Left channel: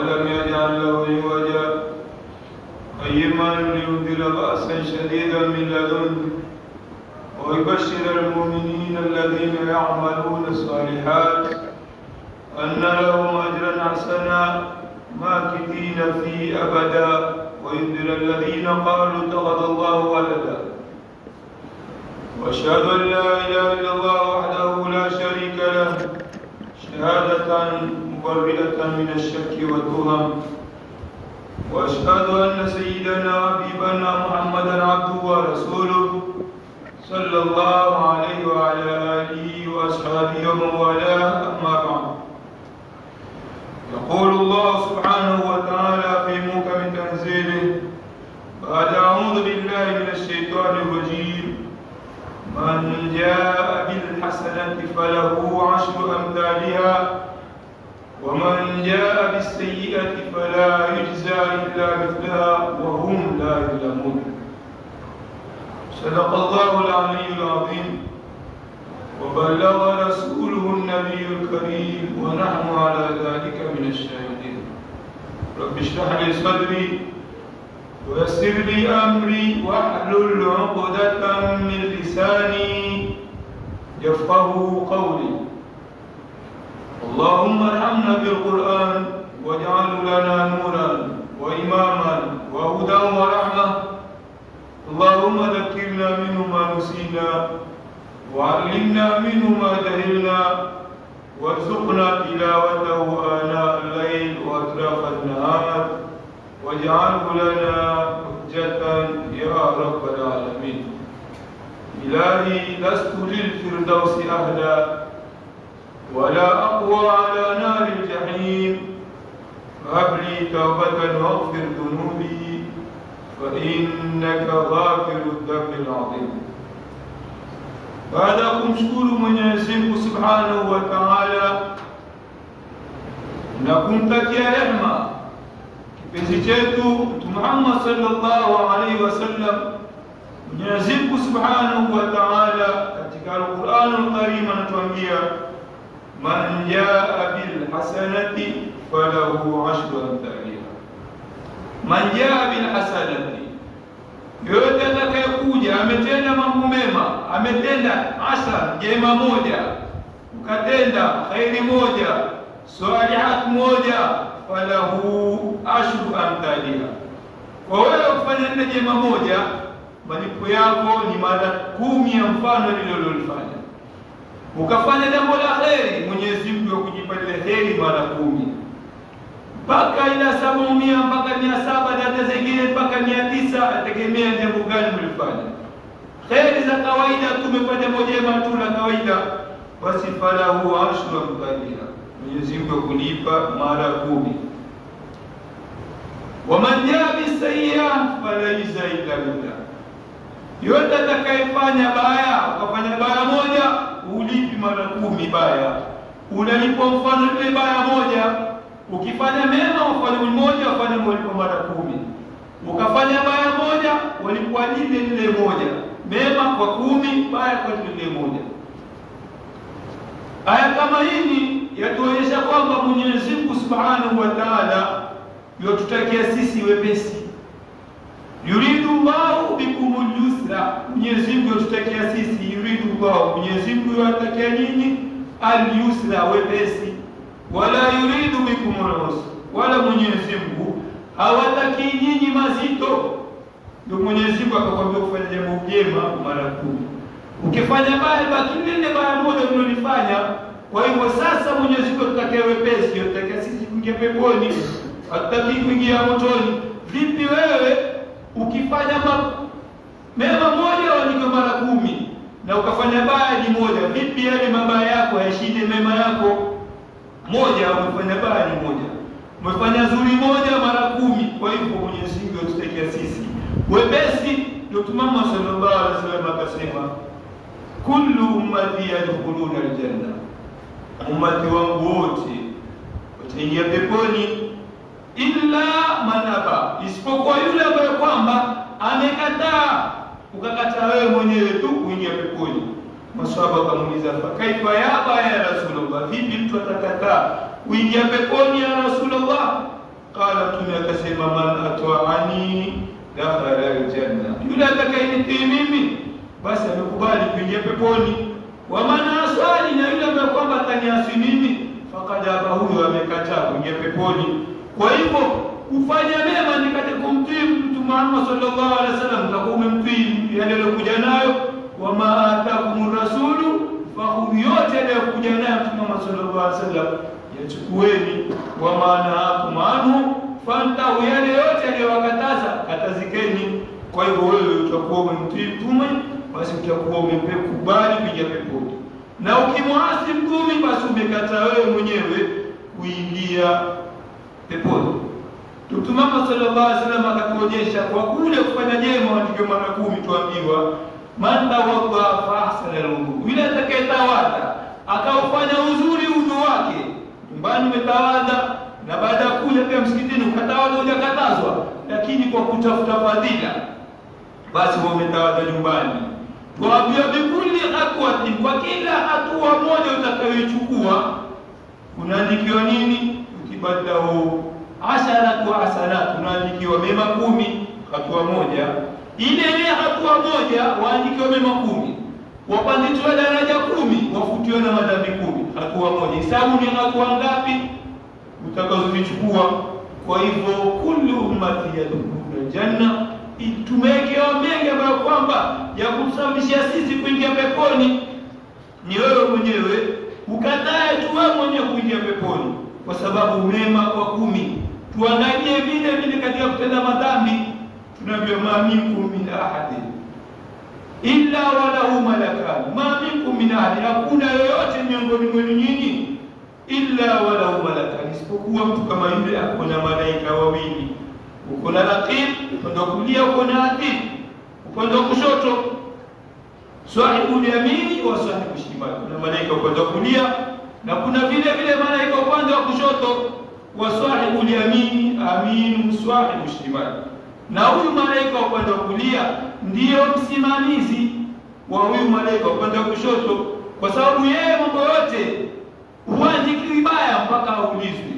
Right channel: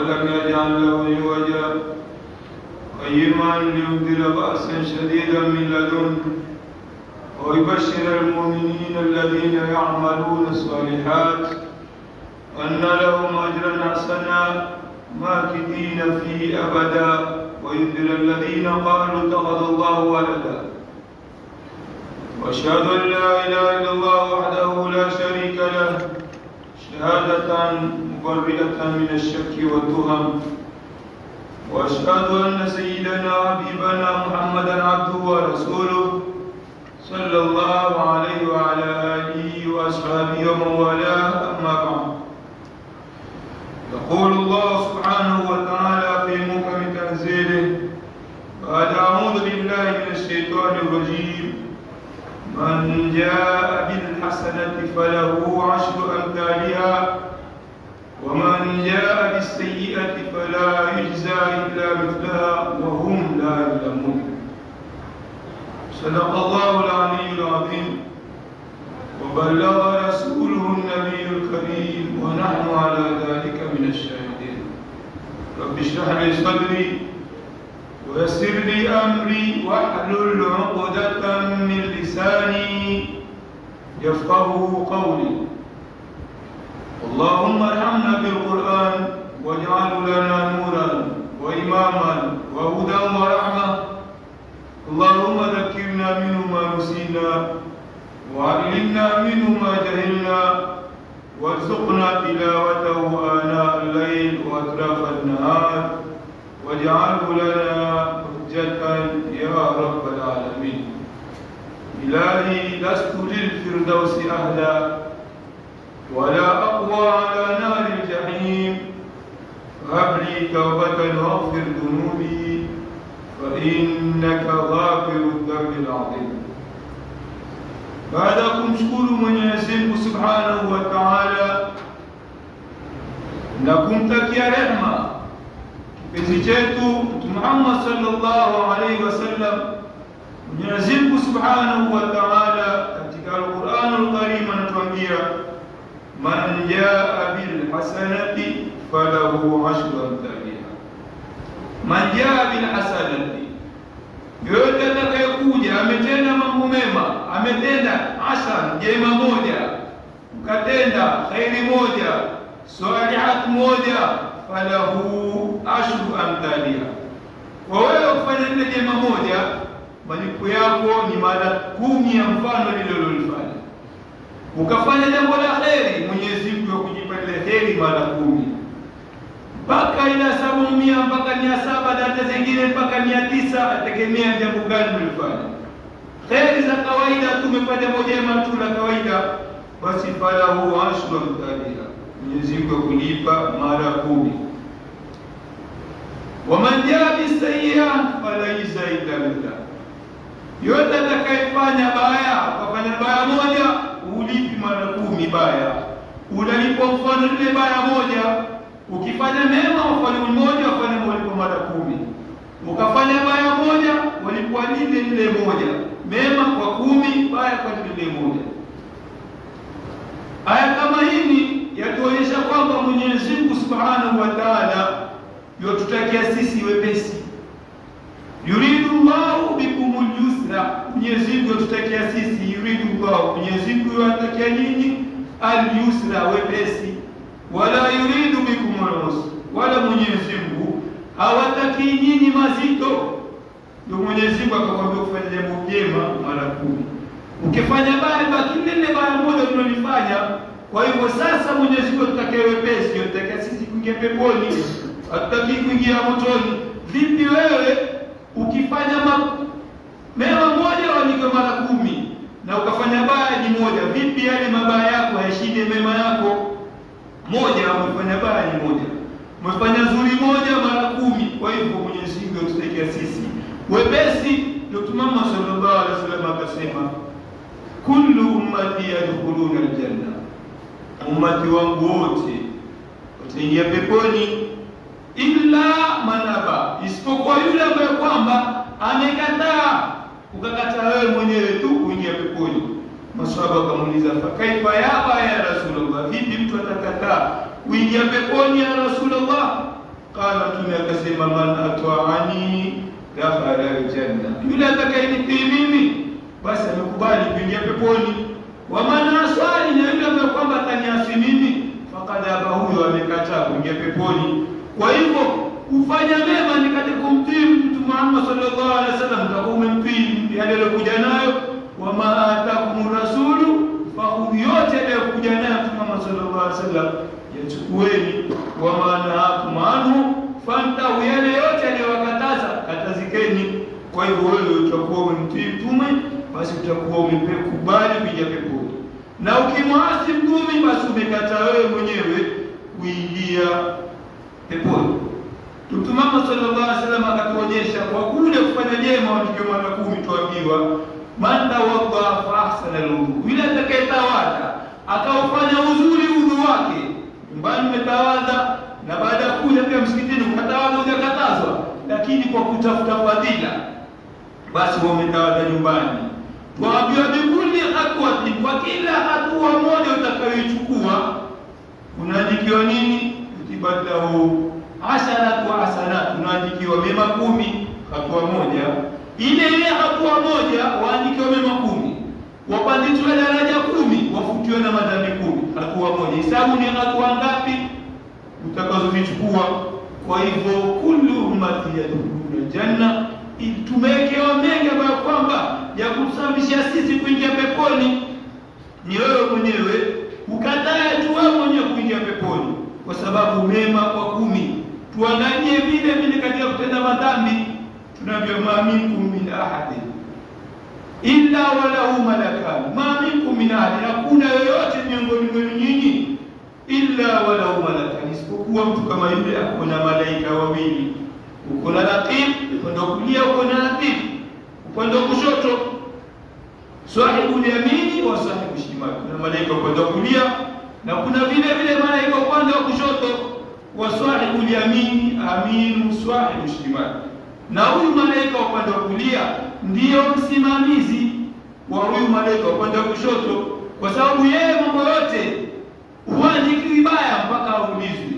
ولم يجعل له عوجا قيما لينذر بأسا شديدا من لدنه ويبشر المؤمنين الذين يعملون الصالحات أن لهم أجرا حسنا ماكثين فيه أبدا وينذر الذين قالوا اتخذ الله ولدا. وأشهد أن لا إله إلا الله وحده لا شريك له شهادة مبرئة من الشك والتهم. وأشهد أن سيدنا حبيبنا محمدا عبده ورسوله صلى الله عليه وعلى آله وأصحابه ومن والاه. أما بعد، يقول الله سبحانه وتعالى في محكم تنزيله بعد أعوذ بالله من الشيطان الرجيم: من جاء بالحسنة فله 10 أمثالها ومن جاء بالسيئة فلا يجزى إلا مثلها وهم لا يظلمون. صدق الله العلي العظيم وبلغ رسوله النبي الكريم ونحن على ذلك من الشاهدين. رب اشرح لي صدري ويسر لي أمري واحلل عقدة من لساني يفقهوا قولي. اللهم ارحمنا بالقرآن واجعله لنا نورا وإماما وهدى ورحمة. اللهم ذكرنا منه ما نسينا وعلمنا منه ما جهلنا وارزقنا تلاوته آناء الليل وأطراف النهار واجعله لنا حجة يا رب العالمين. إلهي لست للفردوس أهلا ولا أقوى على نار الجحيم، هب لي توبة واغفر ذنوبي فإنك غافر الذنب العظيم. Baada ya kumshukuru Mwenyezi Mungu Subhanahu wa Ta'ala na kumtakia rehema kipenzi chetu Mtume Muhammad sallallahu alaihi wasallam, Mwenyezi Mungu Subhanahu wa Ta'ala katika Al-Qur'an Al-Karim anatuambia man jaa bil hasanati falahu 10 amthaliha. Man jaa bil hasanati, yote atakayekuja ametenda mambo mema, ametenda hasana jema moja, ukatenda khairi moja, salihat moja, falahu 10 amthaliha. Kwa wewe kufanya jema moja, malipo yako ni mara 10 ya mfano lililolifanya. Ukafanya jambo la khairi, Mwenyezi Mungu akujipatia khairi mara 10 mpaka ila 700 mpaka 700 na hata zingine mpaka 900, ategemea jambo gani ulifanya. Khairi za kawaida tumefanya moja tu la kawaida, basi falahu 10 amthaliha, Mwenyezi Mungu akulipa mara 10. Waman jaa bisayyi'a falaysa illa billah, yote atakayefanya baya, ukafanya baya moja, ulipi mara 10 baya, unalipo mfano ile baya moja. Ukifanya mema ufanye mmoja, ufanye malipo mara 10. Ukafanya baya moja, walipwa lile moja, mema kwa 10, baya kwa lile moja. Aya kama hii yatuonyesha kwamba Mwenyezi Mungu Subhanahu wa Ta'ala yotutakia sisi wepesi. Yuridu Allahu bikumul yusra, Mwenyezi Mungu yotutakia sisi, yuridu Allahu, Mwenyezi Mungu yotutakia nyinyi al-yusra, wepesi. Wala yuridu bikumul usra, wala Mwenyezi Mungu hawataki nyinyi mazito. Ndio Mwenyezi Mungu akakwambia kufanya jambo jema mara 10. Ukifanya baya, baki lile baya moja ulilofanya. Kwa hivyo sasa Mwenyezi Mungu atakaye wepesi, atakaye sisi kuingia peponi, ataki kuingia motoni. Vipi wewe ukifanya mema moja walike mara 10 na ukafanya baya ni moja, vipi yale mabaya yako hayashinde mema yako? Moja umefanya baya ni moja, umefanya zuri moja mara 10. Kwa hivyo Mwenyezi Mungu atusaidie sisi wepesi. Ndio Mtume sallallahu alaihi wasallam akasema kullu ummati yadkhuluna aljanna, ummati wangu wote wataingia peponi, illa manaba, isipokuwa yule ambaye kwamba amekataa. Ukakataa wewe mwenyewe tu kuingia peponi. Maswahaba wakamuuliza, kaifa ya Rasulullah, vipi mtu atakataa kuingia peponi ya Rasulullah? Mtume akasema, man ata'ani dakhala aljanna, yule atakayenitii mimi basi amekubali kuingia peponi. Wa man asani, na yule ambaye kwamba ataniasi mimi, faqad aba, huyo amekataa kuingia peponi. Kwa hivyo kufanya mema ni katika kumtii Mtume Muhammad sallallahu alaihi wasallam, kwa kumtii yale aliyokuja nayo. Wa ma atakumur rasulu fakhudhu, yote aliyokuja nayo Mtume Muhammad sallallahu alaihi wasallam yachukueni. Wa ma nahakum anhu fantahu, yale yote aliyowakataza katazikeni. Kwa hivyo wewe utakuwa umemtii Mtume, basi utakuwa umekubali kuingia peponi. Na ukimwasi Mtume, basi umekataa wewe mwenyewe kuingia peponi. Mtume Muhammad sallallahu alaihi wasallam akatuonyesha kwa kule kufanya jema waandikiwe mara 10. Tuambiwa man tawadda fa ahsana al-wudu, yule atakayetawadha akaufanya uzuri udhu wake, nyumbani umetawadha na baada ya kuja pia msikitini ukatawadha, hujakatazwa, lakini kwa kutafuta fadhila, basi wewe umetawadha nyumbani. Tuambiwa bikuli hatua, kwa kila hatua moja utakayochukua unaandikiwa nini? Utibadahu asharatu hasanat, unaandikiwa mema 10 hatua moja. Ile hatua moja waandikiwa mema 10, wapandishwe daraja 10, wafutiwe na madhambi 10. Hatua moja, hesabu ni hatua ngapi utakazozichukua. Kwa hivyo kullu ummati yadkhuluna janna, tumewekewa mengi ambayo kwamba ya kusababisha sisi kuingia peponi. Ni wewe mwenyewe ukatae tu wewe mwenyewe kuingia peponi, kwa sababu mema kwa 10. Tuangalie vile vile katika kutenda madhambi, tunajua ma minkum min ahadin illa walahu malakan, ma minkum min ahadin, hakuna yoyote miongoni mwenu nyinyi illa walahu malakan, isipokuwa mtu kama yule ako na malaika wawili. Uko na raqib upande wa kulia, uko na atid upande wa kushoto, sahibul yamini wa sahibul shimal. Kuna malaika upande wa kulia na kuna vile vile malaika upande wa kushoto. Wa sahibul yamini aminu sahibul shimal, na huyu malaika upande wa kulia ndio msimamizi wa huyu malaika upande wa kushoto, kwa sababu yeye mambo yote huandiki vibaya mpaka aulizwe,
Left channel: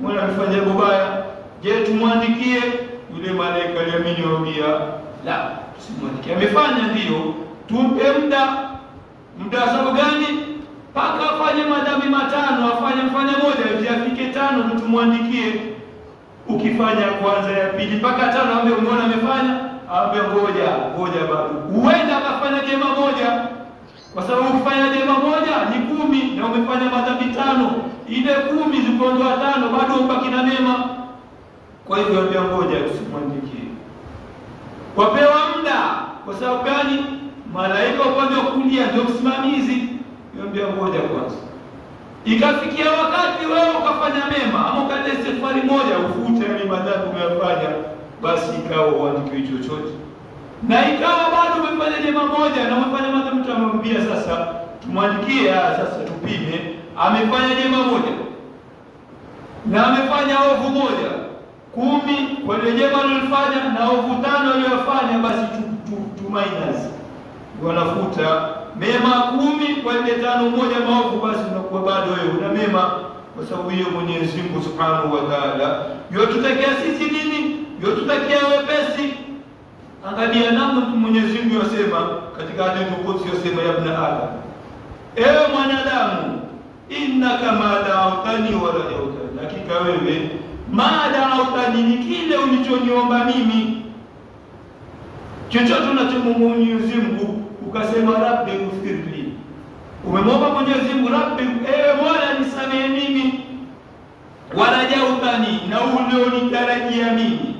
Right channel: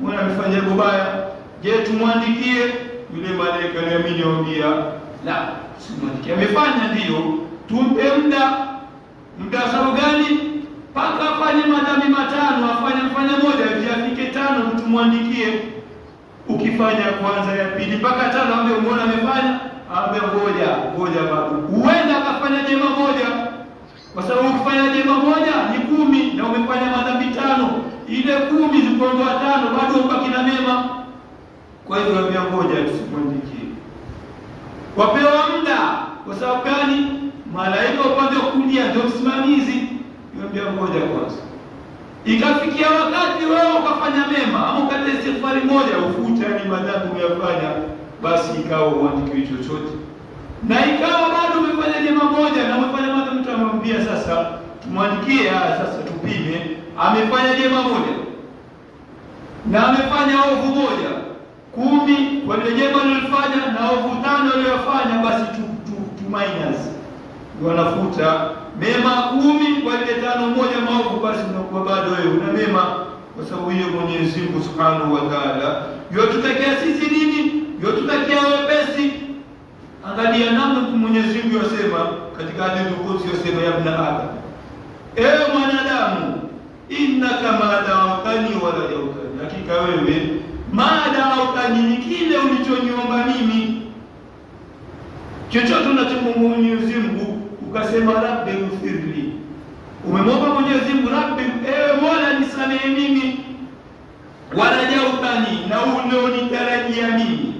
mbona amefanya vibaya? Je, tumwandikie? Yule malaika yamini waambia la, simwandikie. Amefanya ndio, tumpe muda sababu gani? Paka afanye madhambi 5, afanye moja ili afike 5 tumwandikie. Ukifanya kwanza ya pili mpaka 5, ambaye umeona amefanya, ambaye ngoja bado huenda akafanya jema moja, kwa sababu ukifanya jema moja ni 10 na umefanya madhambi 5, ile 10 zikiondoa 5 bado ubaki na mema. Kwa hivyo ambia ngoja tusimwandikie, wapewa muda. Kwa sababu gani? Malaika upande wa kulia ndio msimamizi, ambia ngoja kwanza. Ikafikia wakati wewe ukafanya mema ama ukatenda istighfari moja, ufute yani madhambi umeyafanya, basi ikawa uandikiwe chochote. Na ikawa bado umefanya jema moja na umefanya madhambi, mtu amemwambia sasa tumwandikie, sasa tupime, amefanya jema moja na amefanya ovu moja 10 kwa ile jema alilofanya na ovu 5 aliyofanya, basi tu minus, wanafuta mema 10 kwa ile 5 moja maovu, basi unakuwa bado wewe una mema, kwa sababu hiyo Mwenyezi Mungu Subhanahu wa Ta'ala yotutakia sisi nini? Yotutakia wepesi. Angalia namna Mwenyezi Mungu yasema katika hadithi Qudsi, yasema ya ibn Adam, ewe mwanadamu, innaka ma da'awtani wa la da'awtani, hakika wewe ma da'awtani, ni kile ulichoniomba mimi, chochote unachomwomba Mwenyezi Mungu ukasema rabbi ghfirli, umemwomba Mwenyezi Mungu rabbi, ewe Mola nisamehe mimi, warajautani, na ulionitarajia mimi.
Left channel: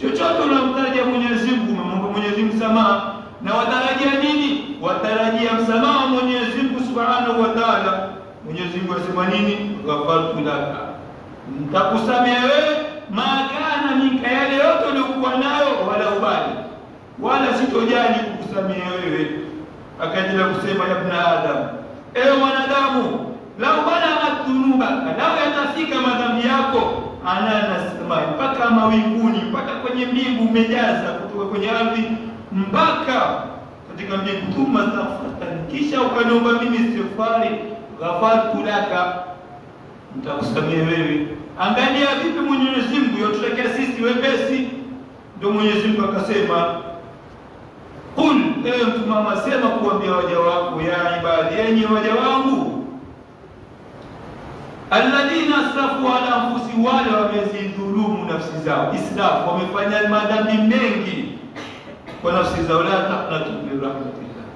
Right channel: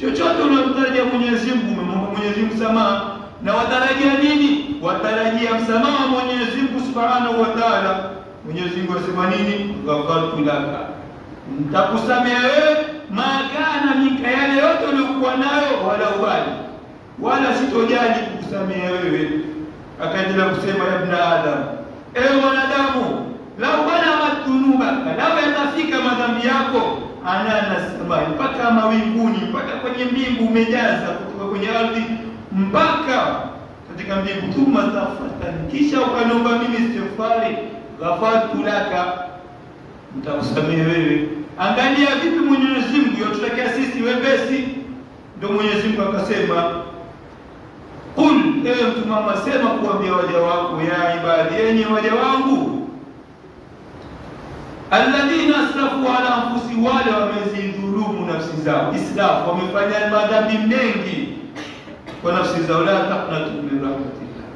Chochote unamtarajia Mwenyezi Mungu, umemwomba Mwenyezi Mungu samaha, na watarajia nini? Watarajia msamaha Mwenyezi Mungu Subhanahu wa Ta'ala. Mwenyezi Mungu asema nini? Ghafartu laka, nitakusamehe wewe makana minka, yale yote uliokuwa nayo, wala ubali wala sitojali kukusamehe wewe. Akaendelea kusema ya ibn Adam, ewe mwanadamu, lau bana matunuba, lau yanafika madhambi yako ananasema mpaka mawinguni, mpaka kwenye mbingu umejaza, kutoka kwenye ardhi mpaka katika mbingu, thumma tafattani, kisha ukaniomba mimi istighfari, ghafartu laka, nitakusamehe wewe. Angalia vipi Mwenyezi Mungu yotutakia sisi wepesi. Ndio Mwenyezi Mungu akasema, qul, ewe Mtume Muhammad, sema kuambia waja wako, ya ibadi, enyi waja wangu, alladhina asrafu ala anfusihim, wale wamezidhulumu nafsi zao, israfu, wamefanya madhambi mengi kwa nafsi zao, la taqnatu min rahmatillah,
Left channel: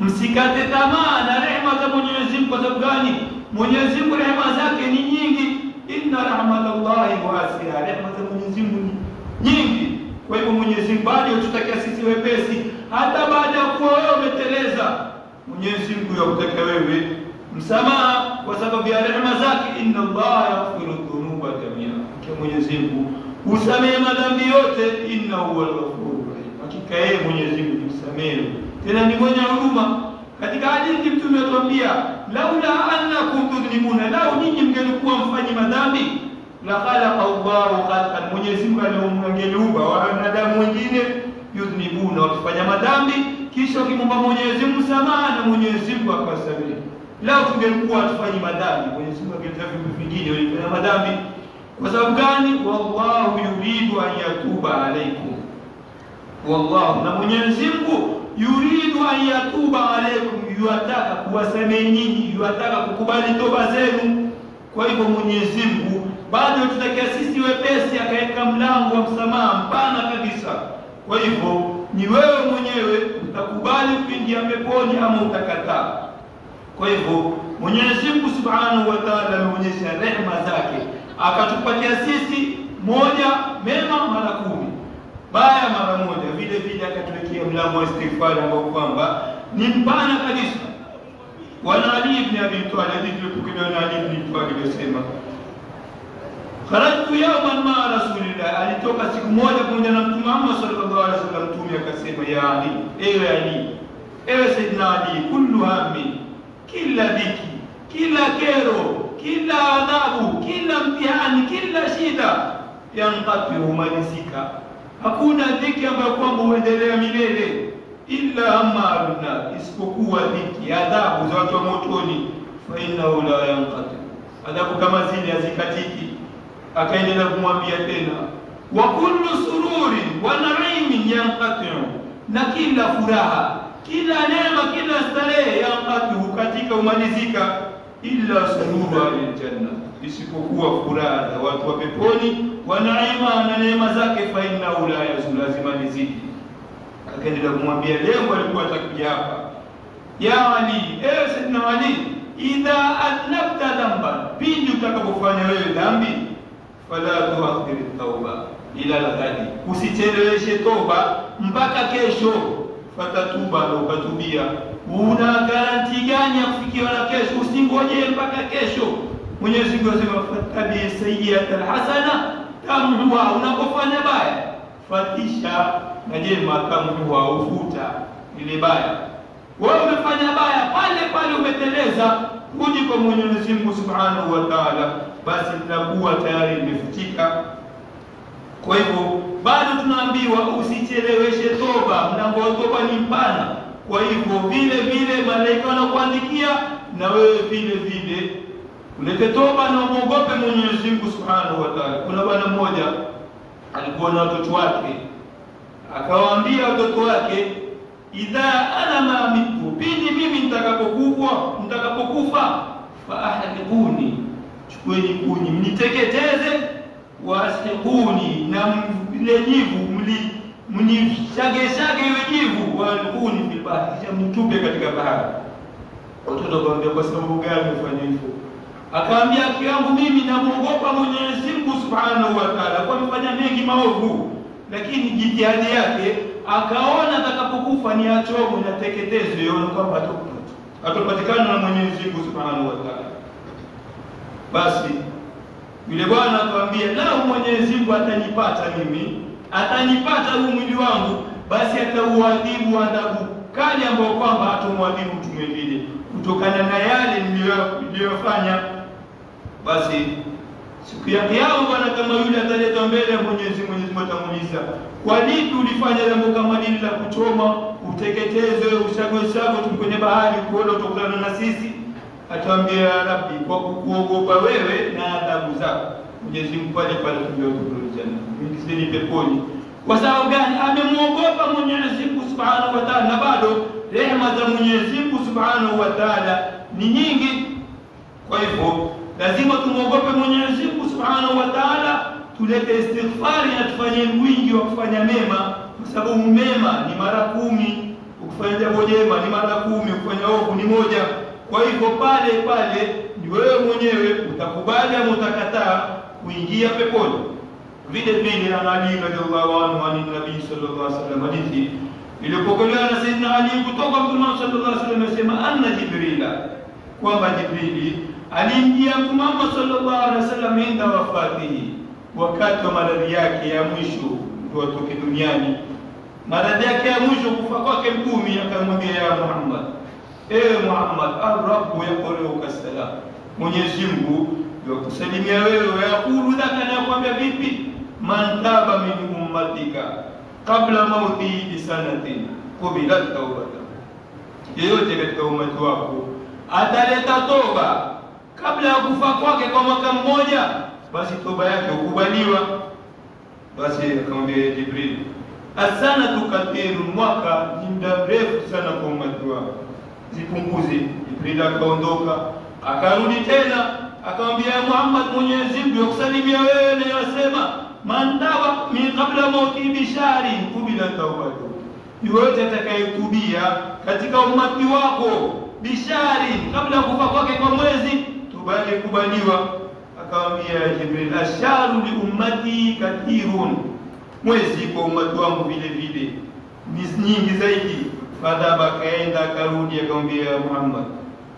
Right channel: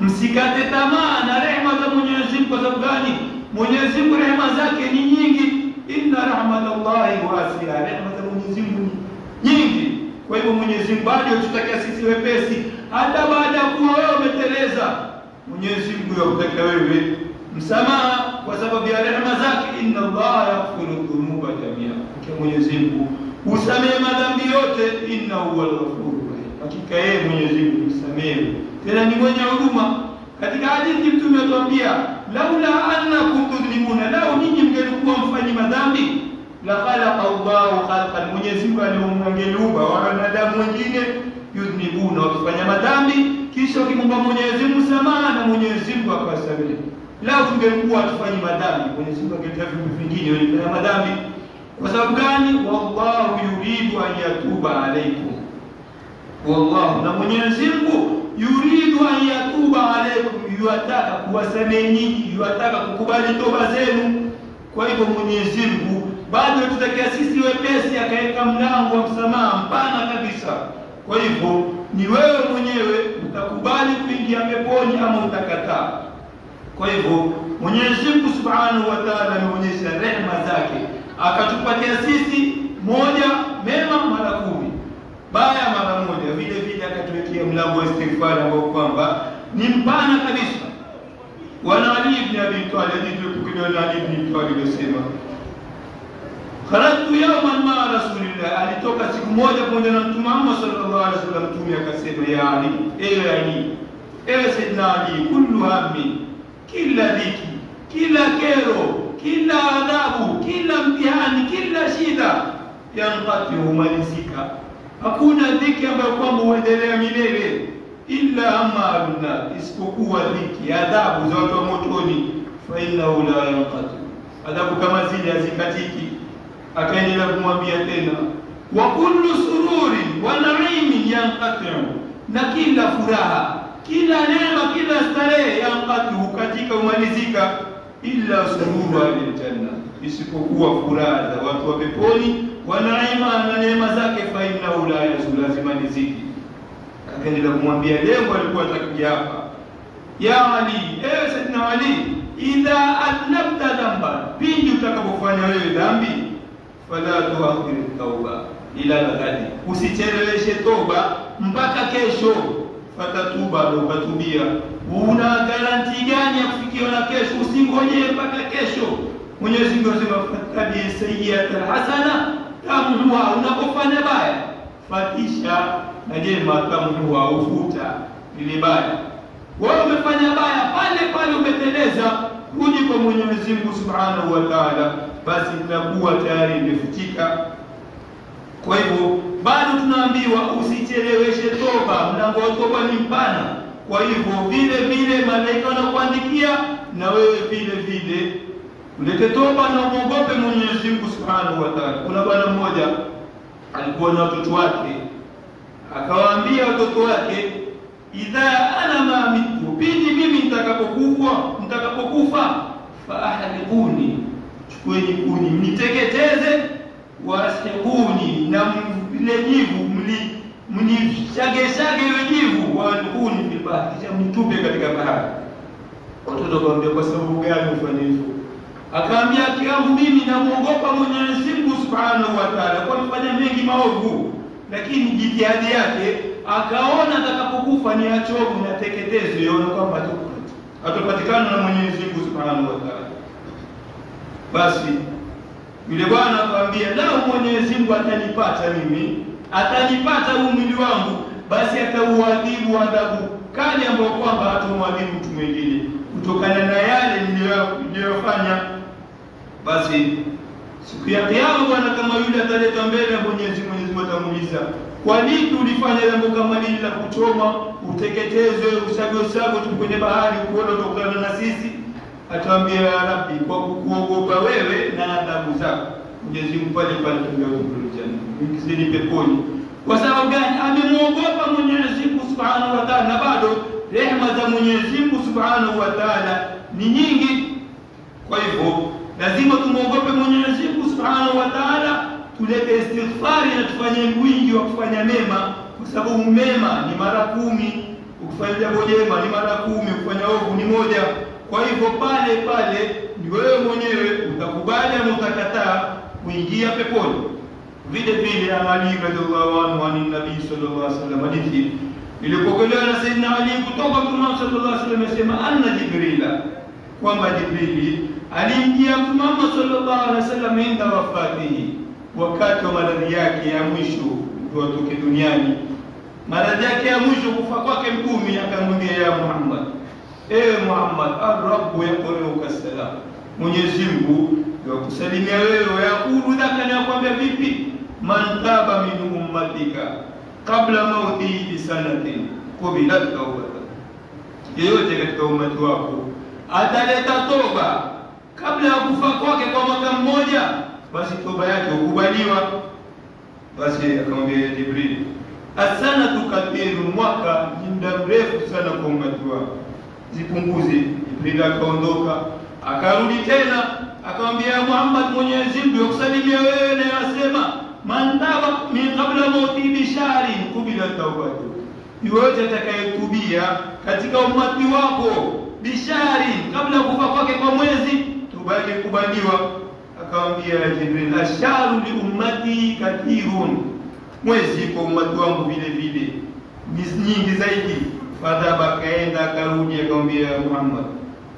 msikate tamaa na rehema za Mwenyezi Mungu. Kwa sababu gani? Mwenyezi Mungu rehema zake ni nyingi. Inna rahmatallahi wasi'a, rehema za Mwenyezi Mungu nyingi. Kwa hivyo Mwenyezi Mungu bado tutakia sisi wepesi, hata baada ya kuwa wewe umeteleza, Mwenyezi Mungu yakutaka wewe msamaha kwa sababu ya rehema zake. Inna Allaha yaghfiru dhunuba jamia, kwa Mwenyezi Mungu usamehe madhambi yote. Innahu huwal ghafurur rahim, hakika yeye Mwenyezi Mungu msamehe tena ni mwenye huruma. Katika hadithi Mtume atuambia, laula annakum tudhlimuna, lau nyinyi mngelikuwa mfanyi madhambi, la khalaqa Allahu khalqan, Mwenyezi Mungu aliumba wanadamu wengine yudhnibuna, wakifanya madhambi kisha wakimwomba Mwenyezi Mungu msamaha na Mwenyezi Mungu akawasamehe. Lau tungelikuwa tufanyi madhambi, Mwenyezi Mungu angetaka vitu vingine wenye madhambi. Kwa sababu gani? Wallahu yuridu an yatuba alaykum, wallahu, na Mwenyezi Mungu yuridu an yatuba alaykum, yuataka kuwasamehe nyinyi, yuataka kukubali toba zenu. Kwa hivyo Mwenyezi Mungu bado tutakia sisi wepesi, akaweka mlango wa msamaha mpana kabisa. Kwa hivyo ni wewe mwenyewe utakubali kuingia peponi ama utakataa. Kwa hivyo Mwenyezi Mungu Subhanahu wa Ta'ala ameonyesha rehema zake, akatupatia sisi moja mema mara 10, baya mara moja. Vile vile akatuwekea mlango wa istighfar ambao kwamba ni mpana kabisa. Wana Ali ibn Abi Talib, tukiwa na Ali ibn Abi Talib anasema, kharajtu yawman ma Rasulillah, alitoka siku moja pamoja na Mtume Muhammad sallallahu alaihi wasallam. Mtume akasema, ya Ali, ewe Ali, ewe Sayyidina Ali, kullu hammi, kila dhiki, kila kero, kila adhabu, kila mtihani, kila shida, yanqati, humalizika. Hakuna dhiki ambayo kwamba huendelea milele, illa hamma alna, isipokuwa dhiki, adhabu za watu wa motoni, fa innahu la yanqati, adhabu kama zile hazikatiki. Akaendelea kumwambia tena, wa kullu sururi wa na'imin yanqati'u, na kila furaha, kila neema, kila starehe, yanqati'u, katika umalizika, illa surura aljanna, isipokuwa furaha za watu wa peponi, wa naima, na neema zake, fa innahu la yazul, lazima nizidi. Akaendelea kumwambia, leo alikuwa atakuja hapa, ya Ali, ewe Sayyidina Ali, idha adnabta dhanban, pindi utakapofanya wewe dhambi, fala tuakhir at-tauba ila al-ghadi, usicheleweshe toba mpaka kesho. Fatatuba, ukatubia. Una garanti gani ya kufikiwa na kesho? Usingoje mpaka kesho. Mwenyezi Mungu anasema, fatabi sayyi'ata al-hasana tamhuha, unapofanya baya fatisha na jema, tamhuha, ufuta ile baya. Wewe umefanya baya, pale pale umeteleza, uje kwa Mwenyezi Mungu Subhanahu wa Ta'ala, basi itakuwa tayari imefutika. Kwa hivyo bado tunaambiwa usicheleweshe toba, mlango wa toba ni mpana. Kwa hivyo vile vile malaika wanakuandikia, na wewe vile vile ulete toba na muogope Mwenyezi Mungu Subhanahu wa Ta'ala. Kuna bwana mmoja alikuwa na watoto wake, akawaambia watoto wake, idha ana ma mitu, pindi mimi nitakapokufa, fa ahliquni, chukueni kuni mniteketeze, wasihuni, na ile jivu mnishage ile jivu, walkuni fil bahri, kisha mtupe katika bahari. Watoto wakamwambia, kwa sababu gani ufanye hivyo? Akaambia, kiangu mimi namuogopa Mwenyezi Mungu Subhanahu wa Ta'ala, kwa kufanya mengi maovu, lakini jitihadi yake akaona atakapokufa ni achovu na teketezo, yona kwamba atapatikana na Mwenyezi Mungu Subhanahu wa Ta'ala. Basi yule bwana akamwambia, lao Mwenyezi Mungu atanipata mimi, atanipata huu mwili wangu, basi atauadhibu adhabu kali ambayo kwamba hatomwadhibu mtu mwingine, kutokana na yale niliyofanya. Basi siku ya Kiyama bwana kama yule ataleta mbele ya Mwenyezi Mungu, atamuuliza, kwa nini ulifanya jambo kama hili la kuchoma, uteketeze, usago tu kwenye bahari kuona utokana na sisi? Ataambia, Rabbi, kwa kukuogopa wewe na adhabu zako. Mwenyezi Mungu pale pale tumekuja janna, muingizeni peponi. Kwa sababu gani? Amemwogopa Mwenyezi Mungu Subhanahu wa Ta'ala, na bado rehema za Mwenyezi Mungu Subhanahu wa Ta'ala ni nyingi. Kwa hivyo lazima tumwogope Mwenyezi Mungu Subhanahu wa Ta'ala, tulete istighfari na tufanye wingi wa kufanya mema, kwa sababu mema ni mara 10, ukifanya jambo jema ni mara 10, ukifanya ovu ni moja. Kwa hivyo pale pale ni wewe mwenyewe utakubali au utakataa kuingia peponi. Vile vile Ali radhiallahu anhu ani Nabii sallallahu alaihi wasallam, hadithi ilipokelewa na Sayyidina Ali kutoka Mtume sallallahu alaihi wasallam, amesema anna Jibrila, kwamba Jibrili aliingia Mtume Muhammad sallallahu alaihi wasallam inda wafatihi, wakati wa maradhi yake ya mwisho kutoka duniani, maradhi yake ya mwisho, kufa kwake Mtume, akamwambia ya Muhammad, ewe Muhammad, ar-Rabbu yaquluka salam, Mwenyezi Mungu yakusalimia wewe, yakulu laka, na kwambia vipi, man taba min ummatika kabla mautihi bi sanatin qubilat tawbatuhu, yeyote katika ummati wako ataleta toba kabla ya kufa kwake kwa mwaka mmoja, basi toba yake hukubaliwa. Basi akamwambia Jibril, as-sanatu kathiru, mwaka ni muda mrefu sana kwa ummati wako, zipunguze. Jibril akaondoka, akarudi tena akamwambia Muhammad, Mwenyezi Mungu yakusalimia wewe na yasema man taba min qabla mauti bi shahri qubila tawbatuhu, yote atakayetubia katika ummati wako bishari, kabla kufa kwake kwa mwezi, toba yake kubaliwa. Akamwambia Jibril, asharu li ummati kathirun, mwezi kwa ummati wangu vile vile ni nyingi zaidi. Fadhaba, kaenda karudi, akamwambia Muhammad,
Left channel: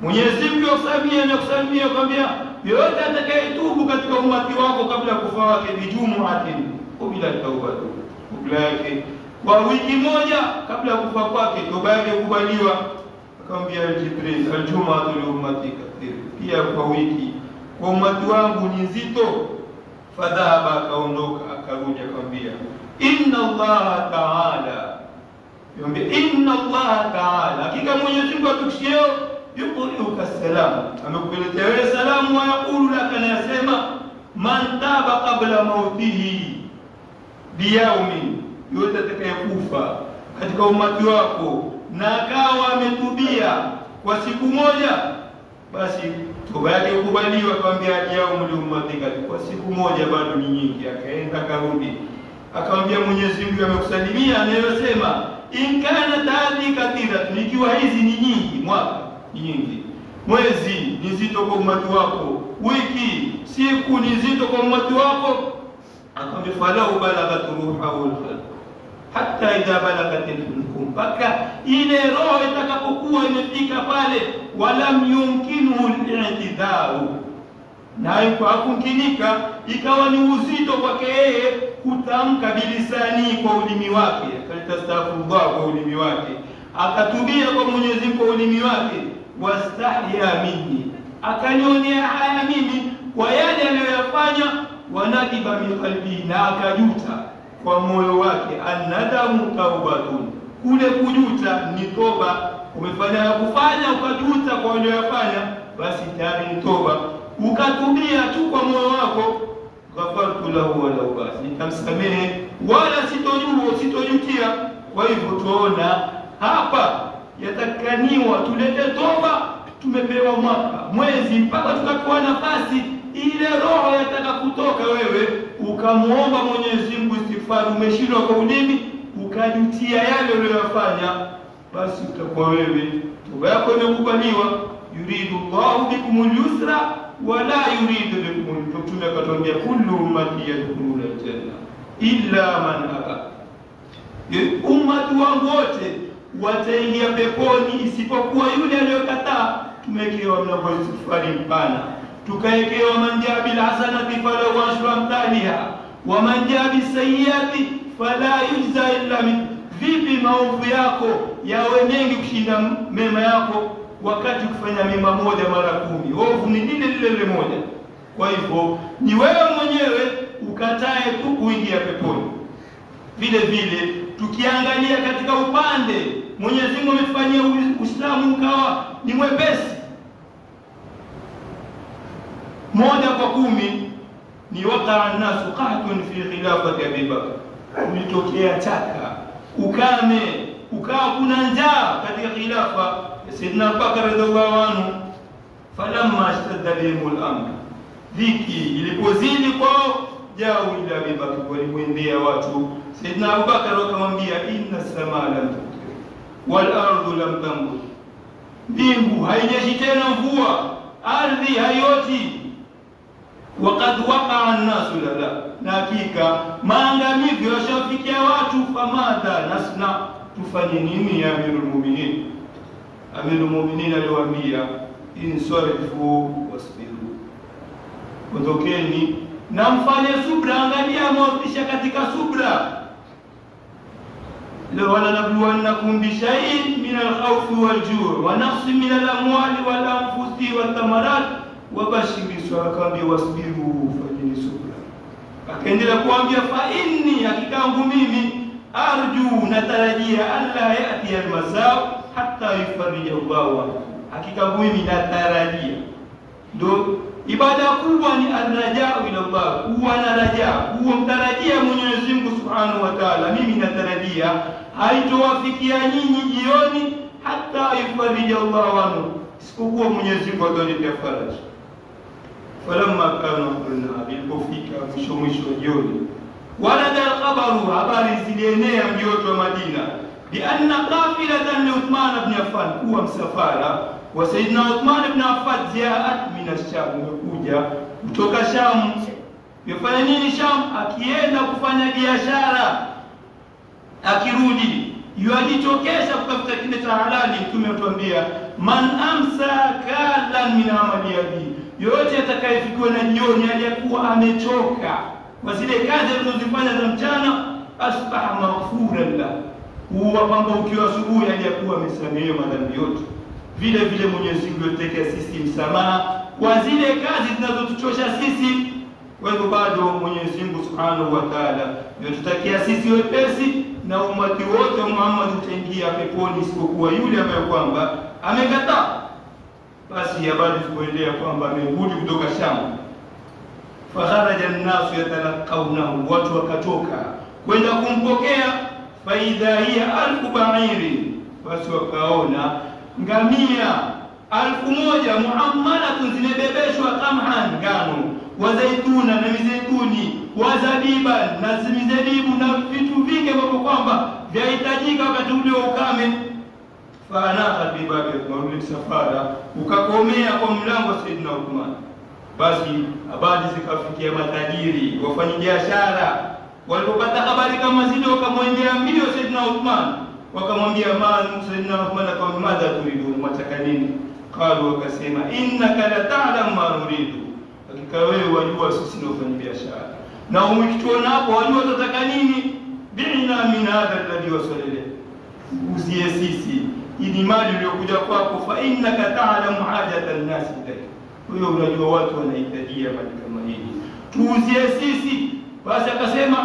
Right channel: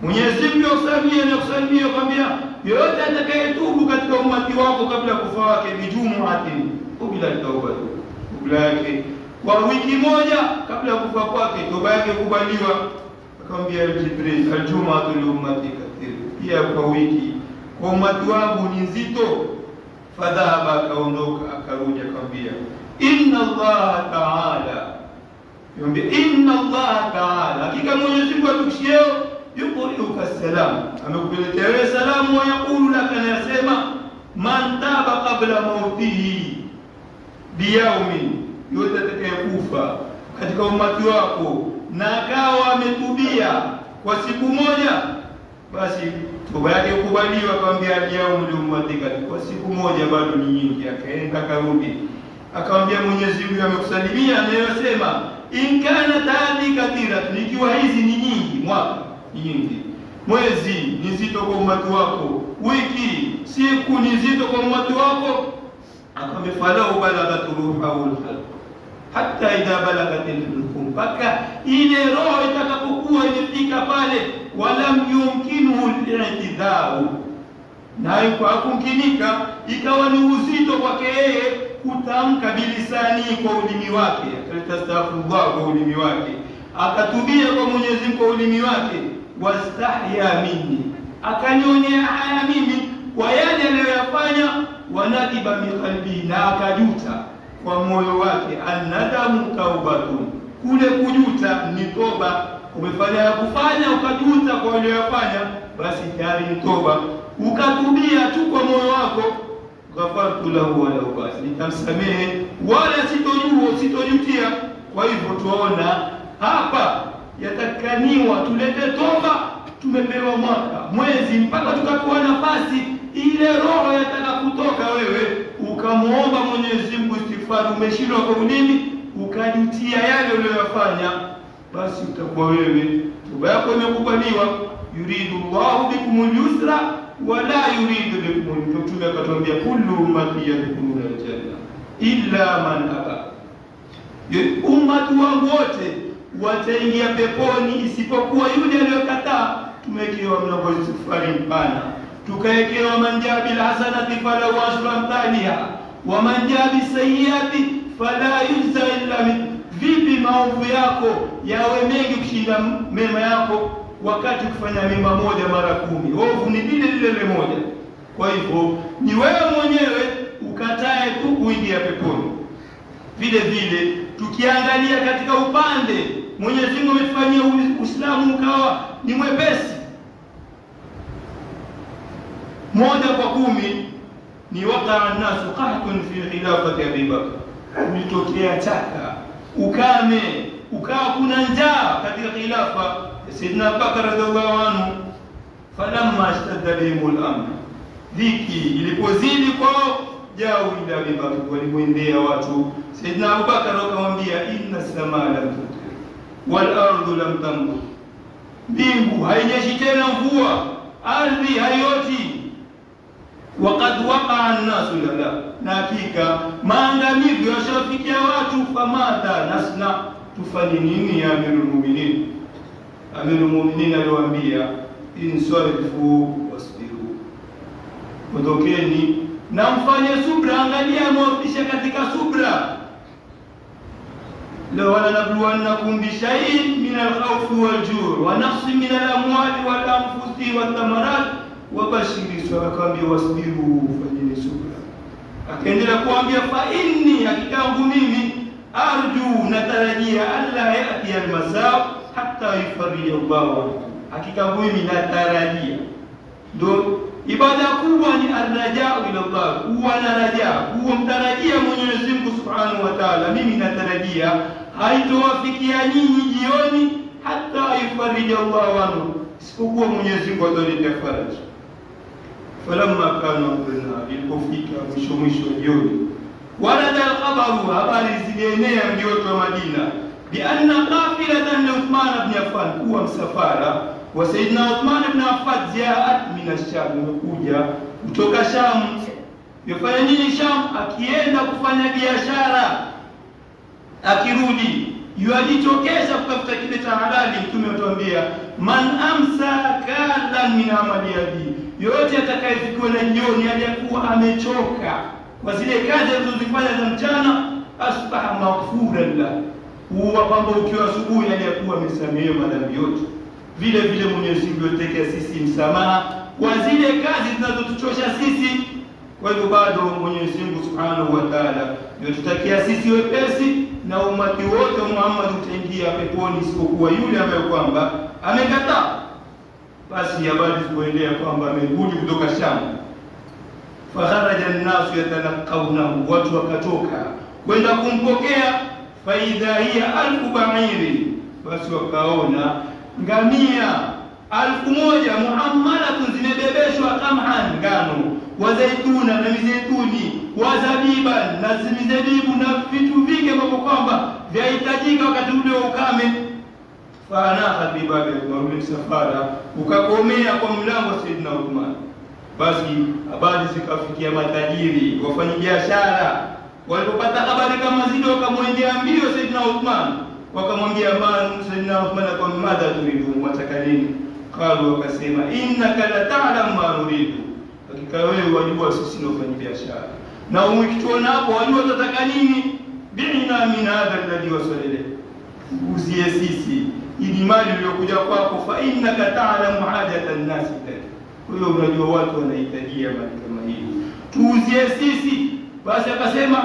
Mwenyezi Mungu akusalimia na kusalimia, akamwambia yote atakayetubu katika ummati wako kabla kufa wake bijumuatin qubila tawbatuhu, kabla yake kwa wiki moja kabla kufa kwake toba yake kubaliwa. Akamwambia Jibril, aljumatu li ummati kathir, pia kwa wiki kwa ummati wangu ni nzito. Fadhaba, akaondoka akarudi, akamwambia inna Allah ta'ala, inna Allah ta'ala, hakika Mwenyezi Mungu atukishie yuquluka salam, amekuletea wewe salamu, wa yaqulu laka, na yasema man taba qabla mautihi biyaumin, yote atakayekufa katika ummati wako na akawa ametubia kwa siku moja, basi toba yake kubaliwa. Akamwambia yaumul ummatika, kwa siku moja bado ni nyingi. Akaenda karudi, akamwambia Mwenyezi Mungu amekusalimia anayosema in kana tadhi kathira, ikiwa hizi ni nyingi, mwaka ni nyingi, mwezi ni nzito kwa ummati wako, wiki siku ni nzito kwa ummati wako. Akamwambia falau balaghat ruhul hatta idha balagat al-hulqum, mpaka ile roho itakapokuwa imefika pale, walam yumkinu al-i'tidharu, na hakumkinika, ikawa ni uzito kwake yeye kutamka bilisani, kwa ulimi wake, akastaghfirullah kwa ulimi wake, akatubia kwa Mwenyezi Mungu kwa ulimi wake, wastahya minni, akanionea haya mimi kwa yale aliyoyafanya, wanadiba min qalbi, na akajuta kwa moyo wake. Annadamu taubatun, kule kujuta ni toba. Umefanya kufanya ukajuta kwa uliyofanya, basi tayari ni toba. Ukatubia tu kwa moyo wako, ghafartu lahu wala ubasi, nitamsamehe wala sitojutia. Kwa hivyo tuona hapa yatakaniwa tulete toba. Tumepewa mwaka, mwezi, mpaka tukakuwa nafasi ile roho yataka kutoka, wewe ukamuomba Mwenyezi Mungu istighfar, umeshindwa kwa ulimi, ukajutia yale uliyofanya, basi utakuwa wewe toba yako imekubaliwa. Yuridu Allahu bikumul yusra wala yuridu bikumul usra, Mtume akatuambia kullu ummati yadkhuluna aljanna illa man aba, ummati wangu wote wataingia peponi isipokuwa yule aliyokataa. Tumewekewa mlango wa istighfari mpana, tukawekewa manjabi alhasanati falahu ashru amthaliha wa manjabi sayyiati fala yujza illa min. Vipi maovu yako yawe mengi kushinda mema yako, wakati kufanya mema moja mara 10, ovu ni lile moja. Kwa hivyo ni wewe mwenyewe ukatae tu kuingia peponi. Vile vile tukiangalia katika upande Mwenyezi Mungu ametufanyia Uislamu ukawa ni mwepesi, 1 kwa 10 ni waqa an-nasu qahtun fi khilafati Abi Bakr, nitokea taka ukame, ukawa kuna njaa katika khilafa ya Sayyidina Abubakar radhiallahu anhu. Falamma ashtadda bihim al-amr, dhiki ilipozidi kwao, jao ila Abi Bakr, walimwendea watu Sayyidina Abubakar wakamwambia, inna as-samaa lam tumtir wal ardu lam tambut, mbingu haijeshi tena mvua, ardhi haioti. Waqad waqa'a an-nasu lana, na hakika maangamivu yashafikia watu. Famada nasna, tufanye nini ya Amirul Mu'minin? Amirul Mu'minin aliwaambia, insarifu wasbiru, ondokeni na mfanye subra. Angalia mwapisha katika subra. la wala nabluwannakum bi shay'in min al-khawfi wal-ju' wa naqsin min al-amwali wal-anfusi wath-thamarat wa bashiri sawakambi wasbiru, fanyeni subra. Akaendelea kuambia, fa inni, hakikangu mimi, arju, natarajia, alla yati al-mazaa hatta yufarrija Allahu, hakikangu mimi natarajia. Ndio ibada kubwa ni arrajaa ila Allah, huwa na rajaa, huwa mtarajia Mwenyezi Mungu Subhanahu wa Ta'ala. Mimi natarajia haitowafikia nyinyi jioni hata yufarrija Allahu anhu, isipokuwa Mwenyezi Mungu ataletea faraja. Falamma kana qulna, ilipofika mwisho jioni, warada al-khabaru, habari zilienea mji wote wa Madina, bi anna qafilatan li Uthman ibn Affan, kuwa msafara wa Sayyidina Uthman ibn Affan jaat min ash-Sham, umekuja kutoka Sham. Yafanya nini Sham? Akienda kufanya biashara, akirudi yuajitokesha kutafuta kile cha halali. Mtume atuambia, man amsa kalan min amali yadi, yote atakayefikiwa na jioni aliyakuwa amechoka kwa zile kazi alizozifanya za mchana, asbaha maghfuran la, huwa kwamba ukiwa asubuhi aliyakuwa amesamehewa madhambi yote. Vile vile Mwenyezi Mungu yotekea sisi msamaha kwa zile kazi zinazotuchosha sisi. Kwa hivyo bado Mwenyezi Mungu Subhanahu wa Ta'ala yotutakia sisi wepesi, na umati wote Muhammad utaingia peponi isipokuwa yule ambaye kwamba amekataa. Basi habari kuendelea kwamba amerudi kutoka Sham. Fakharaja an-nasu yatalaqawna, watu wakatoka kwenda kumpokea. Faidha hiya alfu ba'iri, basi wakaona ngamia 1000 muhammadatun, zimebebeshwa kamhan, ngano, wa zaituna, na mizeituni, wa zabiban, na mizabibu, na vitu vingi ambavyo kwamba vyahitajika wakati ule wa ukame. Fanaha bibabi, wa msafara ukakomea kwa mlango wa Sayyidina Uthman. Basi habari zikafikia matajiri, wafanyabiashara. Walipopata habari kama zile, wakamwendea mbio Sayyidina Uthman, wakamwambia, Sayyidina Uthman, kwa madha turidu, mwataka nini? Qalu, wakasema, innaka la ta'lam ma nuridu, hakika wewe wajua sisi ni wafanyabiashara, na umekituona hapo wajua tataka nini. Bi'na min hadha alladhi wasala, uzie sisi ili mali iliyokuja kwako. Fa innaka ta'lamu hajata an-nas ilayk, wewe unajua watu wanahitajia mali kama hii, tuuzie sisi. Basi akasema